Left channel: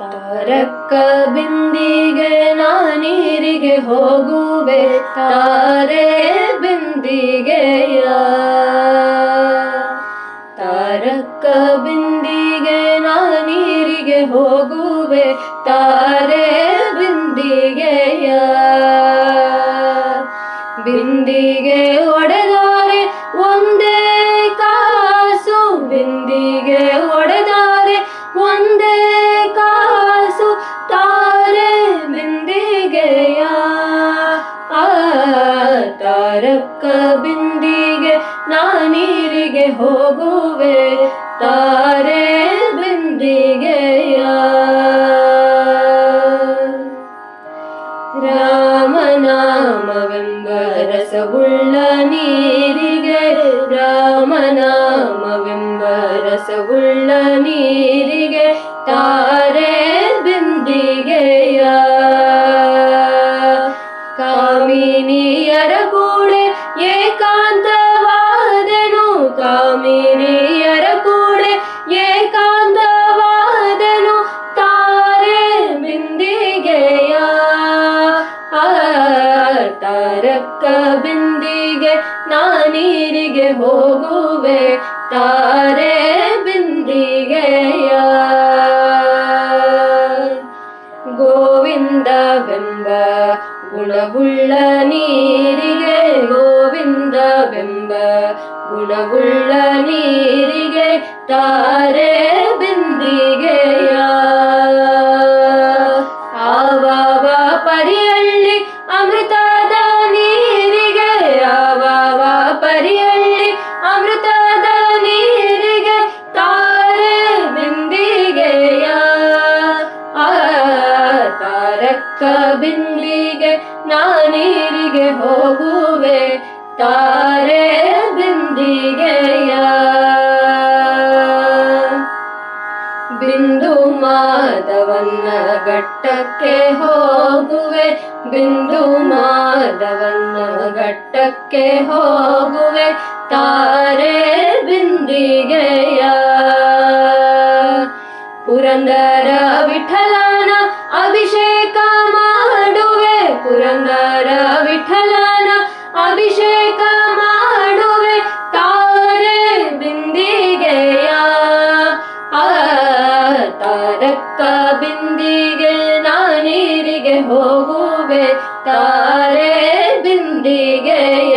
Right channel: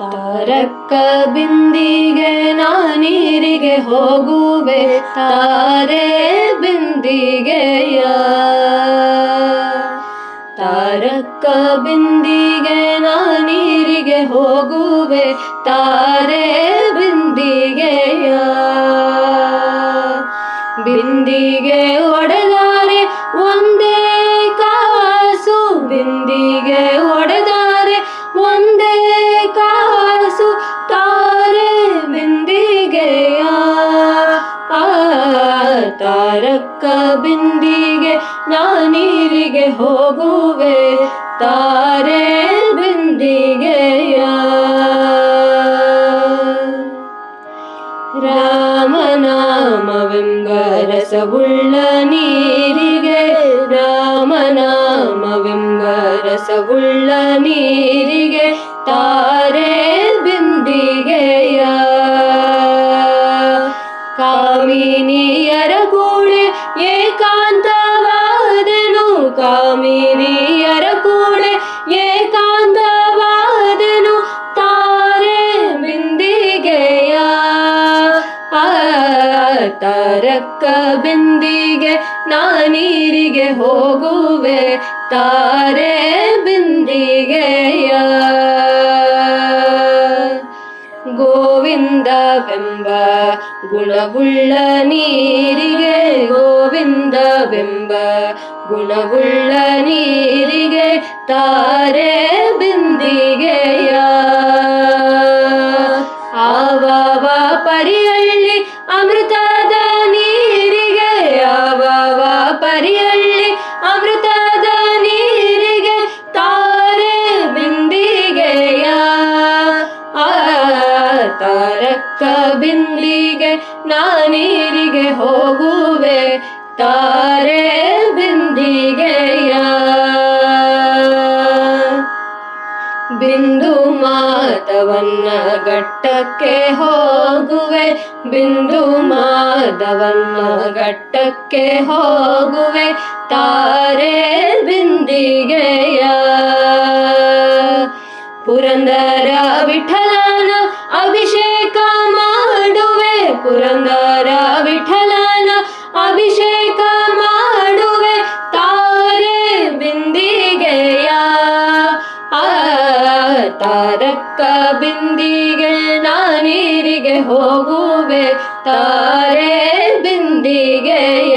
ತಾರಕ್ಕ ಬಿಂದಿಗೆ ನಾನೀರಿಗೆ ಹೋಗುವೆ ತಾರೆ ಬಿಂದಿಗೆಯ. ತಾರಕ್ಕ ಬಿಂದಿಗೆ ನಾನೀರಿಗೆ ಹೋಗುವೆ ತಾರೆ ಬಿಂದಿಗೆಯ. ಬಿಂದಿಗೆ ಒಡೆದಾರೆ ಒಂದೇ ಕಾಸು, ಬಿಂದಿಗೆ ಒಡೆದಾರೆ ಒಂದೇ ಕಾಸು, ತಾರೆ ಬಿಂದಿಗೆಯ. ತಾರಕ್ಕ ಬಿಂದಿಗೆ ನಾನೀರಿಗೆ ಹೋಗುವೆ ತಾರೆ ಬಿಂದಿಗೆಯ. ರಾಮನಾಮವೆಂಬ ರಸವುಳ್ಳ ನೀರಿಗೆ, ರಾಮನಾಮವೆಂಬ ರಸವುಳ್ಳ ನೀರಿಗೆ ತಾರೆ ಬಿಂದಿಗೆಯ. ಕಾಮಿನಿಯರ ಕೂಡೆ ಏಕಾಂತವಾದೆನು, ಕಾಮಿನಿಯರ ಕೂಡೆ ಏಕಾಂತವಾದೆನು, ತಾರೆ ಬಿಂದಿಗೆಯ. ತಾರಕ್ಕ ಬಿಂದಿಗೆ ನಾನೀರಿಗೆ ಹೋಗುವೆ ತಾರೆ ಬಿಂದಿಗೆಯ. ಗೋವಿಂದವೆಂಬ ಗುಣವುಳ್ಳ ನೀರಿಗೆ, ಗೋವಿಂದವೆಂಬ ಗುಣವುಳ್ಳ ನೀರಿಗೆ ತಾರೆ ಬಿಂದಿಗೆಯ. ಆವಾವ ಪರಿಯಳ್ಳಿ ಅಮೃತದ ನೀರಿಗೆ, ಆವಾವ ಪರಿಯಳ್ಳಿ ಅಮೃತದ ನೀರಿಗೆ ತಾರೆ ಬಿಂದಿಗೆಯ. ತಾರಕ್ಕ ಬಿಂದಿಗೆ ನಾನೀರಿಗೆ ಹೋಗುವೆ ತಾರೆ ಬಿಂದಿಗೆಯ. ಬಿಂದು ಮಾಧವನ್ನ ಘಟ್ಟಕ್ಕೆ ಹೋಗುವೆ, ಬಿಂದು ಮಾಧವನ್ನ ಘಟ್ಟಕ್ಕೆ ಹೋಗುವೆ ತಾರೆ ಬಿಂದಿಗೆಯ. ಪುರಂದರ ವಿಠಲನ ಅಭಿಷೇಕ ಮಾಡುವೆ, ಪುರಂದರ ವಿಠಲನ ಅಭಿಷೇಕ ಮಾಡುವೆ ತಾರೆ ಬಿಂದಿಗೆಯ. ತಾರಕ್ಕ ಬಿಂದಿಗೆ ನಾನೀರಿಗೆ ಹೋಗುವೆ ತಾರೆ ಬಿಂದಿಗೆಯ.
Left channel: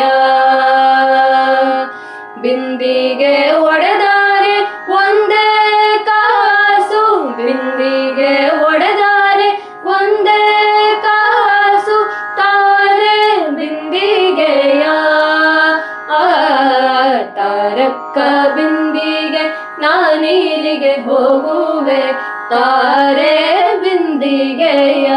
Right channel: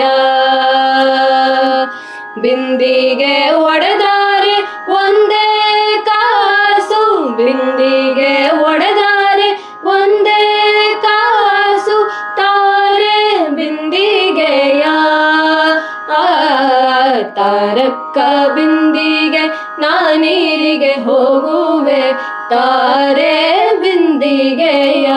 ಬಿಂದಿಗೆ ಒಡೆದಾರೆ ಒಂದೇ ಕಾಸು, ಬಿಂದಿಗೆ ಒಡೆದಾರೆ ಒಂದೇ ಕಾಸು, ತಾರೆ ಬಿಂದಿಗೆಯ. ತಾರಕ್ಕ ಬಿಂದಿಗೆ ನಾನೀರಿಗೆ ಹೋಗುವೆ ತಾರೆ ಬಿಂದಿಗೆಯ.